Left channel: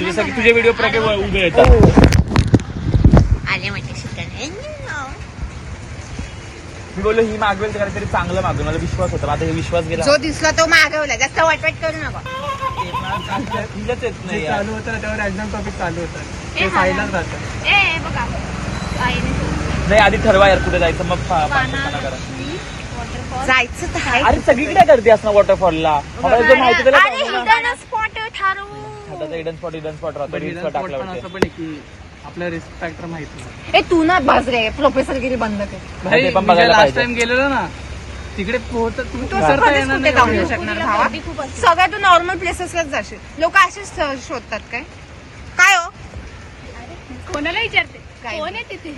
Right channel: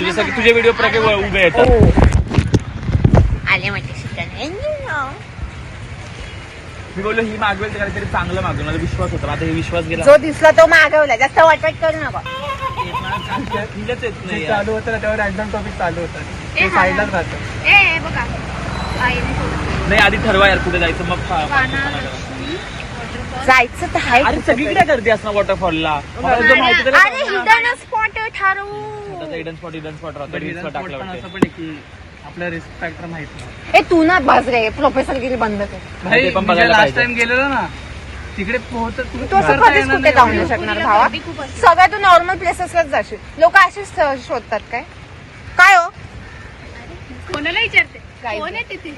तुझे व्हिडिओ उभे येतात. आले म्हणजे शिकायला मी बोललो ही मागवेल तर काहीतरी चांगलं मागवेल, मला विश्वास होता. आता हे विश्वास गेला. जो दिसला तो मागवला, जास्त वाटवाट करू नका. चालू होतं ना त्यावर एकदम टॉपिक चालू होता, ते साईडलाच राहतं. ए बघा नाही आधी ठरवा यार कुठे जायचं, मग जायचं तर आहे. अरे सगळीकडे गर्दी असणार वॉटरफॉलला. अरे हिडन स्पॉट ठरवू. हिडन स्पॉट राहतो. आपला रिस्क फॅक्टर माहित नाही. ए तू ना बस रे, प्रोफेसरगिरी बंद कर. लास्ट टाइम गेलेलो ना तिकडे तू असं कधीच कुठे जाऊ नाही शकणार भावा. सगळ्या तू नॉर्मल प्लेसेसलाच जाशील. लोक असेच शोधतात काय काय हो कोणाला विचारते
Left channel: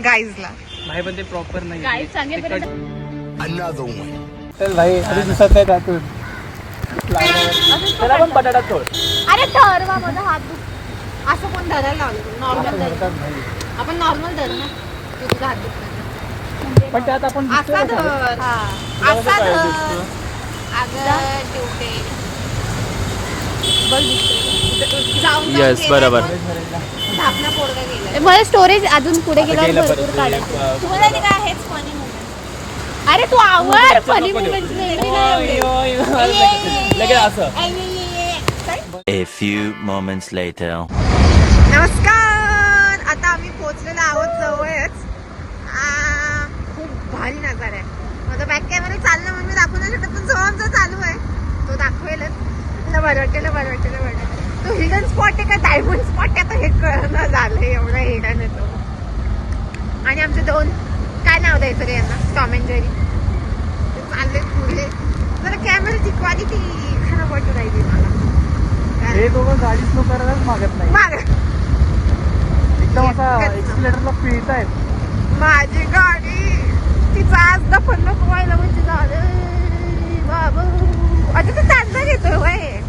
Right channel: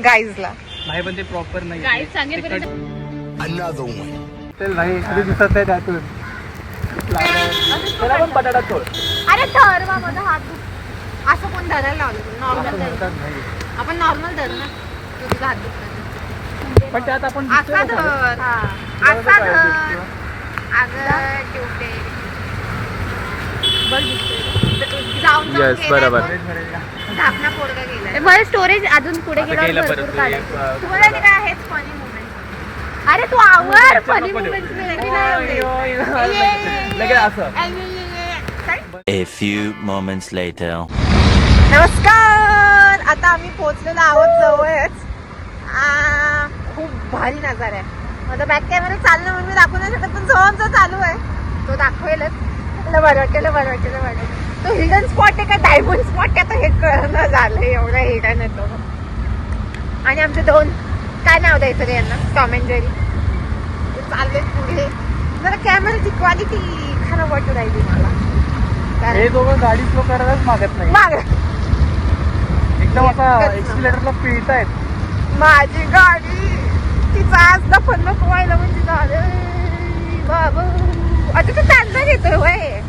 गाईजला भाई, पण ते प्रॉपर नाही. गाईड सांगेल चल भाई, अरे दिसत नाही त्यातून. त्याला पण बटाटा सोड. अरे ठरवा माझा हात दुख. असं कोण धरायला लावलं? नॉर्मल धर. आपण नॉर्मल धरू ना. तू तुझा हात दुख. पण त्यात आपण असा धर. असा धर. Yes, बरोबर. धापना पोरगा गेला. मला स्टोरेज अजून पुढे गेल्यावर भरपूर काढायचं. तुम्हाला ते काय हेच फनी मोमेंट. अरे तू आवर funny moment A few moments later. नमस्कार. आता आम्ही पोहोचलेलो आहोत जवळच. खूप भारी नजारा आहे. माझा बॅक कॅमेरा चाललं म्हणून मी दाखवू नाही शकत, पण जो आमचा चालू आहे तो दाखवेलच. बरं वाटलं. तो हिडन स्पॉट आहे का डायमंड स्पॉट आहे, हे कळणं झालं. एवढा हिडन येतो. आणि आमचे दोन काय नाव द्यायचं रे यांना, टॉम अँड जेरी. चालले पुढे. जरा कॅमेराची क्वालिटी खराब वाटू राहिली मला. हे दोघं गाडी स्लो करायलाच मागत नाही. एकदम आता एक्सिलेटरला पिळतायत. माझी गाडी तिचा आज दफन नको व्हायला म्हणजे झालं बाबा. आता तो चालणार येतोय वय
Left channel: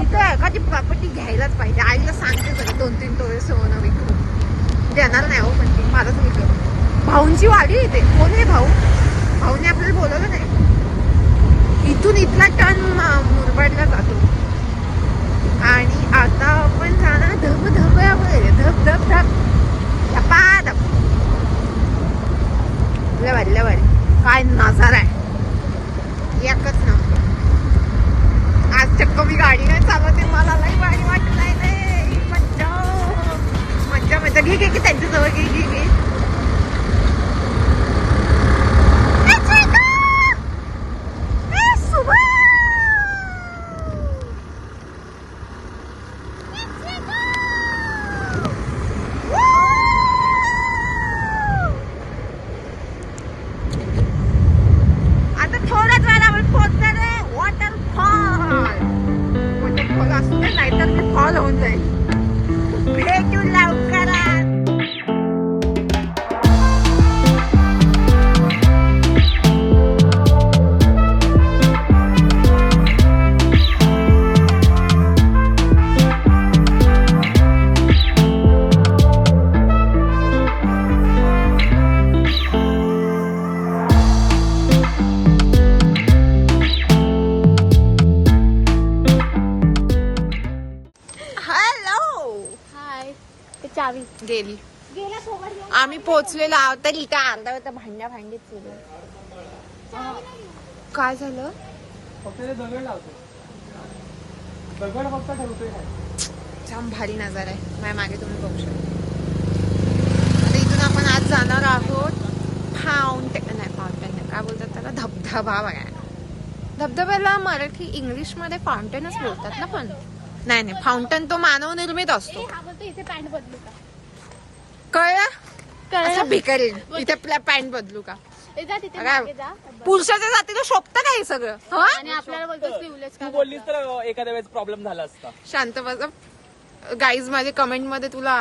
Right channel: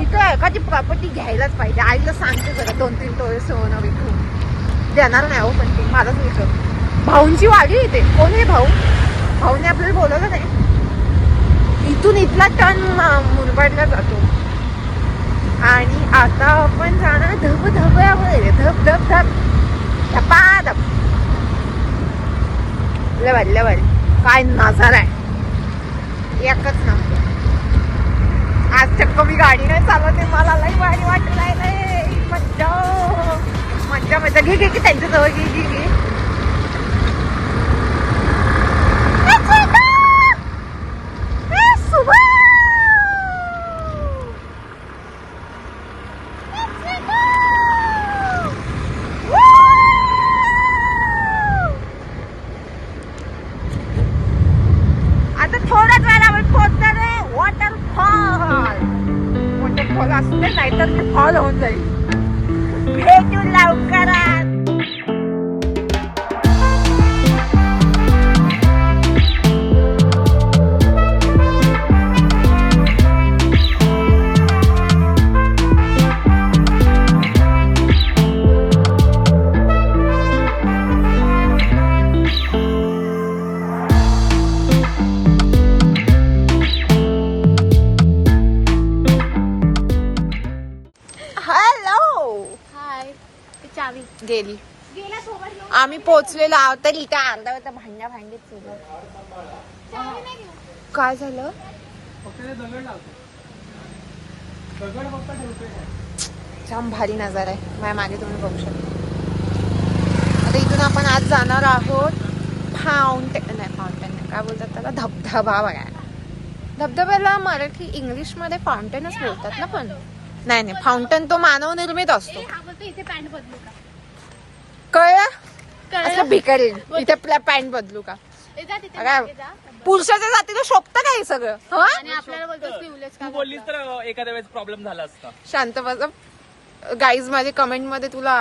इथं आहे का? ती प्रॉपर्टी घ्यायलाच पाहिजे. आईला सांगते जरा 2-3 तोळे सोनं विकू. देणार नाही हो, पण ती माझंच विकत. भाऊंची वाडी येते. कोण आहे भाऊ? भाऊने आपल्याला बोलवलं नाही. इथून इथला टन मुरबाडला जातो. आणि आता आपण जाणार धबधब्यावर. धब लवारी काय नजारा आहे. एकच नंबर. आज चक्क मी गाडी नाही चालवते, मला लई भारी वाटत नाही. मज्जा घे त्यांच्याजवळ घे. आता थोड्याच वेळा आपण पोहोचणार आहे वॉटरफॉल असू दे, नाहीतर ते फॉल होऊन जाईल. भेटू लवकरात. गेली. आम्ही पोहोचलेलो आहोत तर इथं अर्धा होता भांडीत केलं. काय झालं? छान भारी नजारा आहे. माझ्या मागे तुम्ही बघू शकता. आता इथून आपण आज जाणार आहोत फाउंटेन नाही काय बोलतात त्याला, धबधबा बघायला. धबधब्याला मराठी इंग्लिशमध्ये फाउंटेनच बोलतात ना, पण नाही फाउंटेन तो मानव निर्मित असतो. कळलं? असं भिकारी इथे पॅन्ट बदलू का? पुरुषाच्या जातीला शोभतं का हे सगळं? आपल्याला बोलतो एखाद्या वेळेस प्रॉब्लेम झाला असता. शांत बस. गाईज माझे कमेंट मध्ये तुला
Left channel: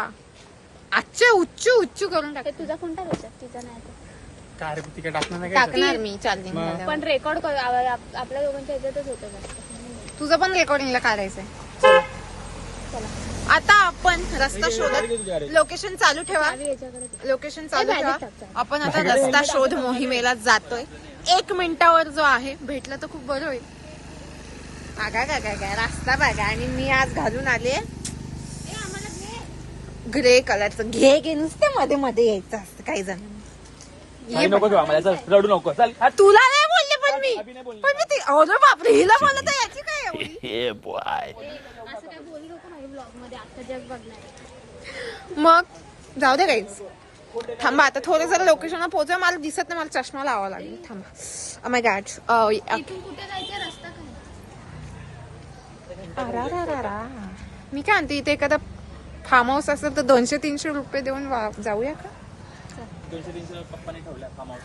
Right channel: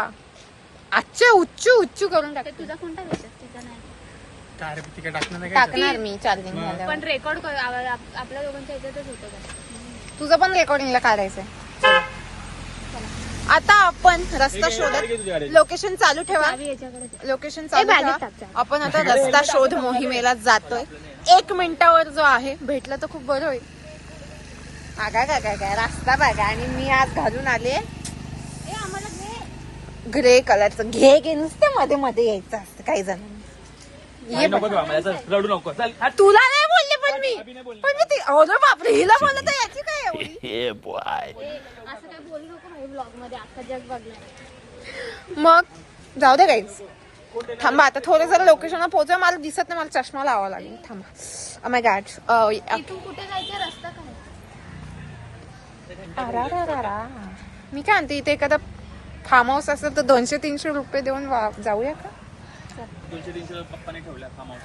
आजचे उच्चू करून टाक. तुझा कोणता तुझा नाही टाकणार मी चार्जिंग झाल्यावर. पण रेकॉर्ड आपल्या दोघांच्या ह्याच्यातच होतं. तुझं पण रेकॉर्डिंगला काढायचंय. आता आपण रस्ता शोधत. लोकेशन चालू ठेवा. आपण आता रस्ता शोध मोहिमेला जातोय. 1 मिनिटावर जो आहे भेटला तर खूप बरं होईल. काय रस्ता बघा. आणि मी आज घालून आले ग्रे कलरचं घे नुसते मध्ये मध्ये यायचं असतं काही जणांना. ये नको तेव्हा मला, चल, रडू नको चल. तुला नाही बोलले पण मी ती अरे बापरे हिला बोलत आहे याची काय एवढी. Yeah, boy. असं काय बोलू नको माझ्या ब्लॉग मध्ये, अख्खा जग बघणार. मग जाऊ दे काहीच. थांबा आता थोडं जरा लोकेशनला पोहोचवा. मला दिसत नाही, मला चष्मा लावावा लागेल. थांबा. माय गॅड. इथून कुठे जायचं रस्ता काय? मी काय म्हणते इथे एखादा फार्म हाऊस असेल तर 200-300 रुपये देऊन जाऊया का? 200-300 पप्पाने ठेवला कामावर.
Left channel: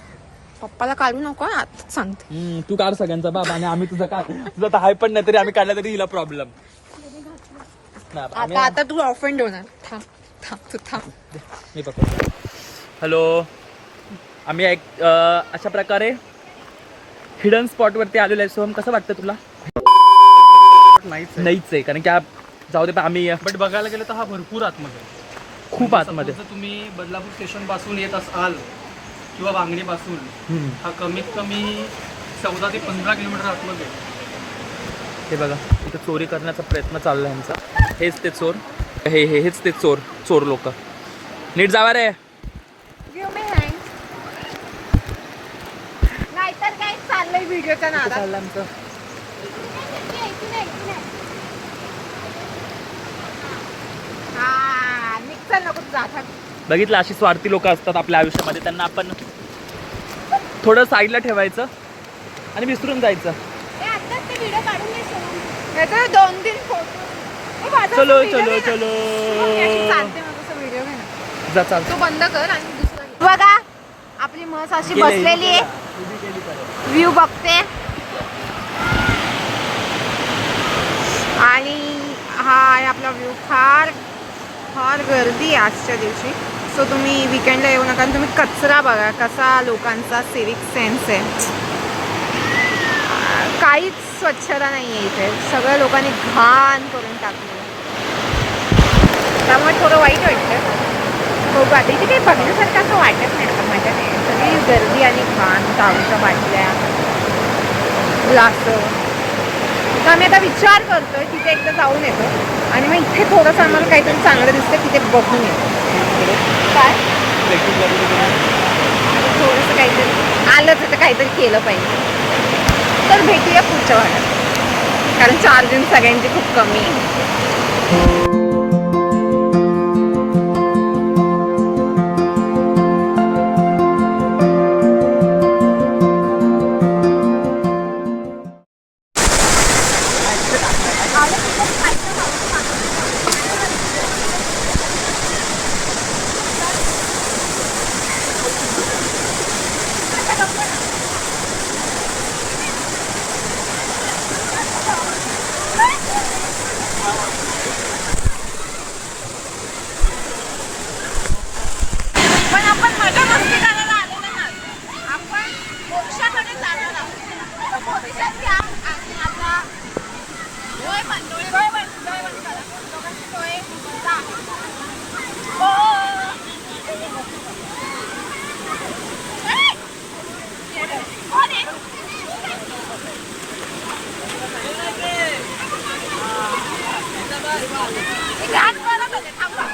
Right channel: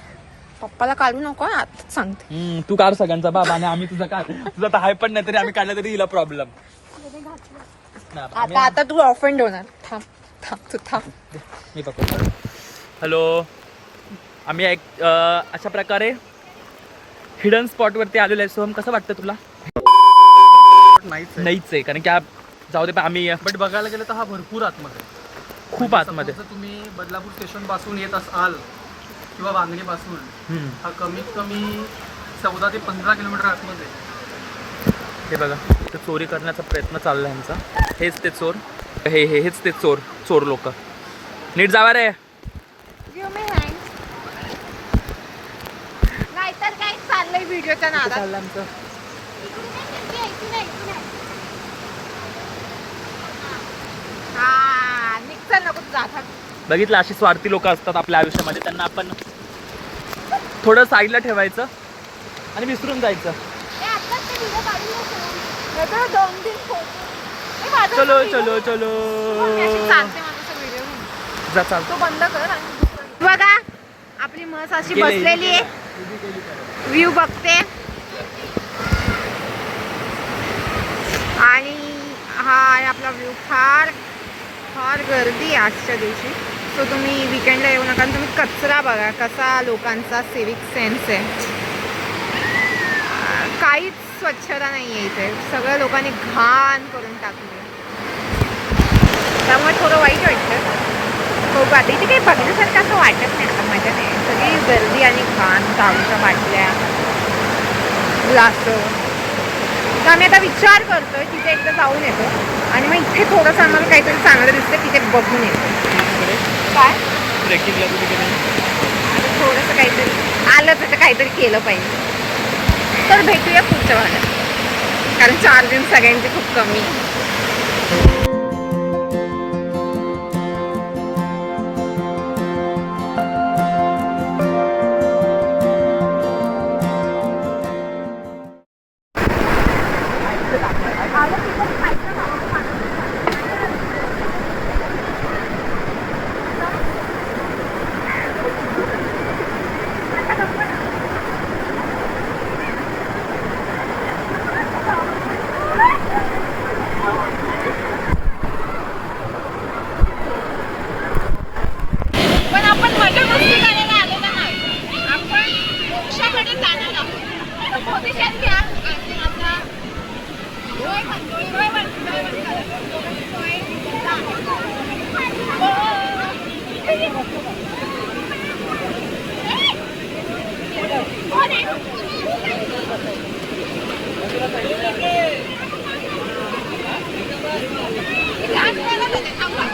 पप्पाला काढू नको हा, आताच सांगते. तू काढ सगळ्यांचा बाबा आणि आम्ही तुझं काढ. तुझं तर हाय पण नाही तरी आम्ही काढला तरी हिला प्रॉब्लेम. आता तू ऑफेंड होणार. तू थांब. मी पकडतो. हॅलो, आम्ही अशा प्रकारे हिडन स्पॉट वरती आलेलो आहे. सोहम कसं वाटतं तुला? नाहीच आहे कारण की जाऊ दे आम्ही बट बघायला गेलं तर हा भरपूर आतमध्ये आहे. खूप आतमध्ये. जर तुम्ही बदलापूर स्टेशन पासून येत असाल किंवा वांगणी पासून, हा कमीत कमी 14 ते 15 किलोमीटर आतमध्ये आहे. हे बघा इथं चोरी करण्याचा प्रयत्न चालला यांचा. हेच ते चोर, हेच ते चोर लोक. नीट जावा रे. नाहीतर काय चाललंय व्हिडिओच्या नादात. चाललं आमचं. बघितलं अशी स्वार्थी लोक असतात आपल्या आयुष्यामध्ये. त्यांना आपण थोडं साईडला ठेवायचं आणि विसरून जायचं. चलो चलो चलो जा चाल. तू बंद कर आणि बघा आपली म्हस अशी बसलेली आहे, व्ह्यू बघते. आणि हा आहे आपला व्ह्यू. फार फार गर्दी आहे आजच्या दिवशी. सो तुम्ही विकेंडला येऊ नका. तुम्ही कचरा बघा कसा लोकांचा सिविक सेन्स आहे. काहीच स्वच्छता नाही आहे इथे. सगळ्या लोकांनी घाण करून टाकली. त्यामुळे थोडं वाईट वाटतं. हो आता इथे काही बघण्यासारखं असं वाटत नाही. आता मजा नाही. सगळी गर्दी आणि घाण, दारूच्या बाटल्या, ग्लासं. तर आम्ही आता विचार करतोय तिथे एकदा जाऊन येतो आणि मग इथे थोडंसं आम्हाला काहीतरी चांगलं दिसतं तिथे बघून येतो. काय आता थोडंसं काहीतरी आलं तर काहीतरी केलं पाहिजे. तर भेटूया पुढच्या भागात कारण चार्जिंग सगळ्यांची खूप कमी आहे. पण आपण मजा मस्ती करायला आलेलो नाही. आपण मोक्षाकडे जाणार आहोत. पोझिशन घ्या आणि आता डोळे बंद करा. दोघांचे डोळे जा. थांबा.